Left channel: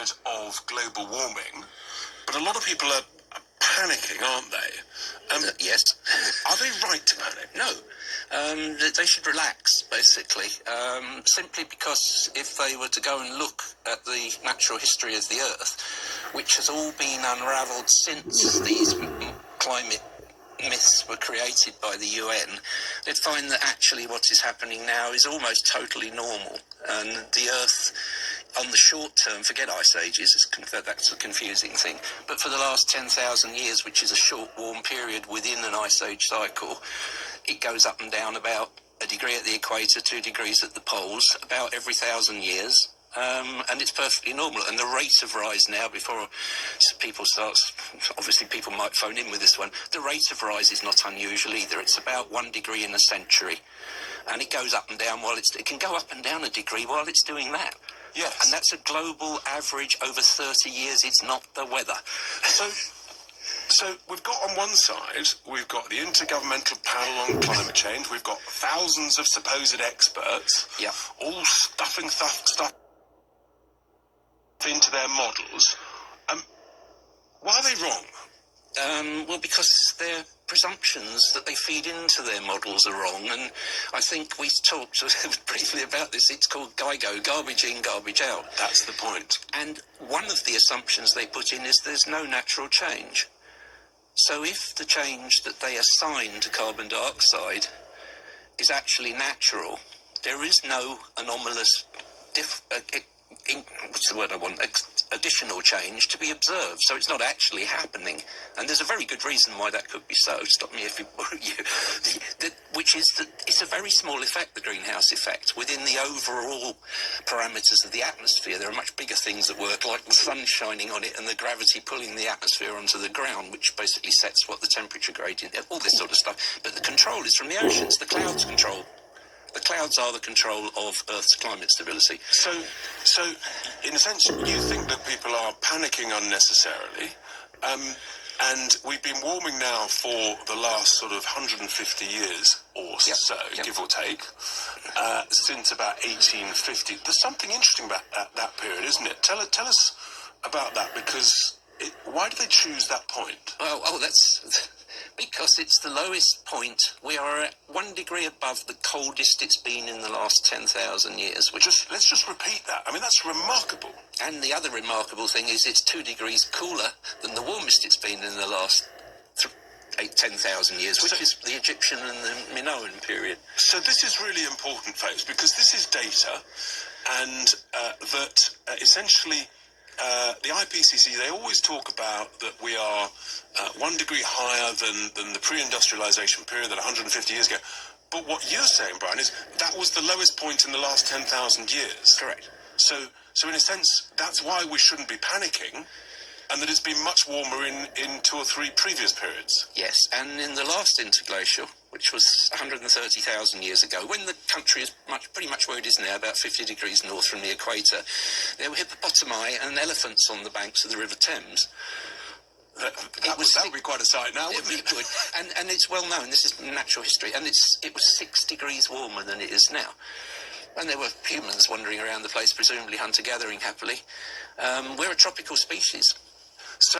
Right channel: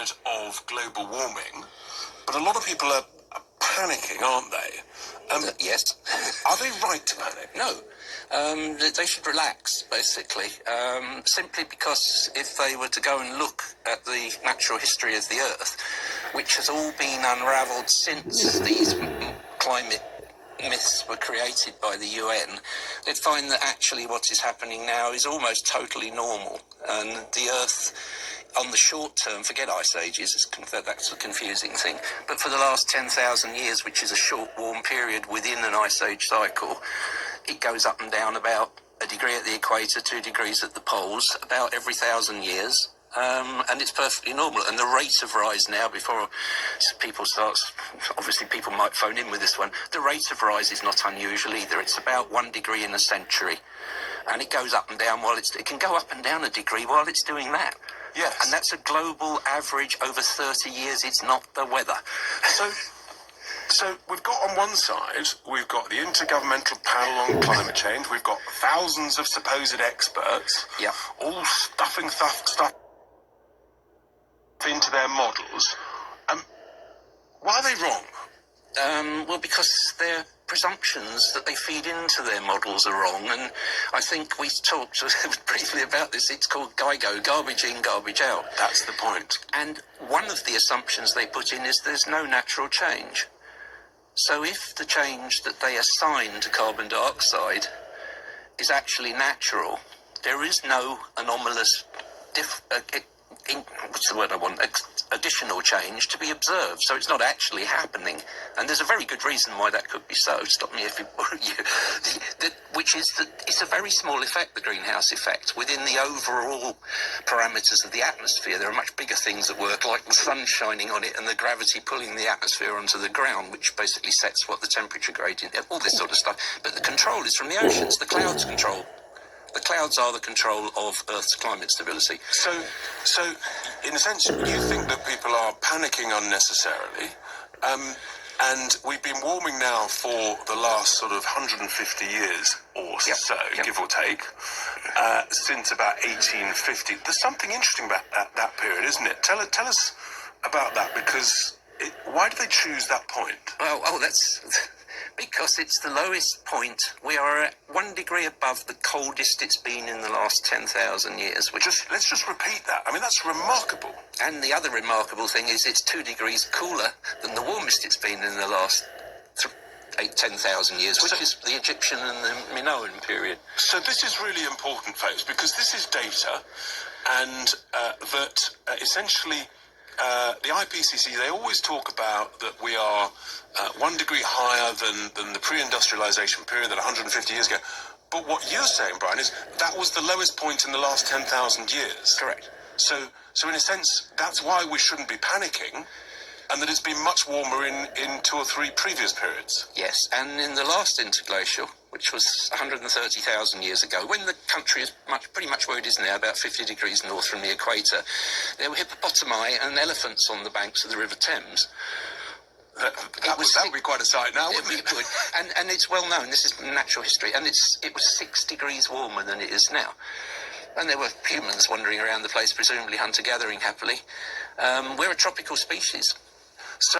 period of global warming, but a lot of people are panicking, aren't they? Yes. Are they right to panic? No. They should relax, basically, simply because if they were to go and look at the natural history of the Earth, which has all been unravelled since these climate myths were created by the UN, they'd find that actually what is happening now is almost totally normal, and the Earth, on the short term, forget ice ages, that's a confusing thing, but for the last 10,000 years, which is a short warm period within an ice age cycle, it goes up and down about a degree at the equator, 2 degrees at the poles, about every 1,000 years. And it's perfectly normal. And the rate of rise now, before people start, obviously people might phone in with this one, the rate of rise is not unusual either. It's about 1 degree in a century. And it goes up and down it can go up and down a degree while it's doing that. Yes. And that's a global average over 30 years. It's not the weather. So we've got on one side, we've got the Intergovernmental Panel on Climate Change, we've got thousands of supposed experts, yeah, all stuffing stuff into their models. Why are they wrong? Well, because their presumptions that they feed into their models are wrong, and I think we talked briefly about this. It's called GIGO, garbage in, garbage out. That's the point. And one of the assumptions they put in is there's no natural change. So if the change that they assign to carbon dioxide is actually natural, there is no anomalous what's the word I want? Additional change to be observed. So it's not actually happening. And there's a very good reason why that could be so. Stop me if it worries you. Which is that it's a very small effect, the greenhouse effect, within the overall parameters of the atmosphere. There are much bigger things at work, like the sun shining on it and the gravity pulling the atmosphere onto the ground, which basically sets what the temperature gradient, all this sort of stuff. But the control is from the oceans. The clouds control. The clouds are the control of Earth's climate stability. So, in a sense, you think that people are panicking unnecessarily, and we've been warming now for the last sort of 150 years or so, give or take, since about 1850. There's something interesting about that period, isn't it? Tell us about that, because why do they choose that point? Well, that's... because it's the lowest point. We are at 1 degree above the coldest it's been in the last 10,000 years. Let's just repeat that. I mean, that's remarkable. And the other remarkable thing is it's 2 degrees cooler than the warmest it's been in the last 10,000 years, which is the Egyptian and the Minoan period. So this is really important, folks, because this is data, and that essentially... the IPCC, they always talk about that we are 1 degree higher than the pre-industrialization period, that 150 years ago. But what you're saying, Brian, is that was the lowest point in the last 10,000 years. Correct. So in a sense, that's why we shouldn't be panicking, and that it's been much warmer in 2 or 3 previous periods. Yes, and in the last interglacial, which was 130,000 years ago, when the country is pretty much where it is now, about 50 degrees north from the equator, there were hippopotami and elephants on the banks of the River Thames. That would be quite a sight now, wouldn't it? It would. And it's well known, this is natural history, and it was 6 degrees warmer than it is now. And there were humans wandering around the place, presumably hunter-gathering happily. We're a tropical species. So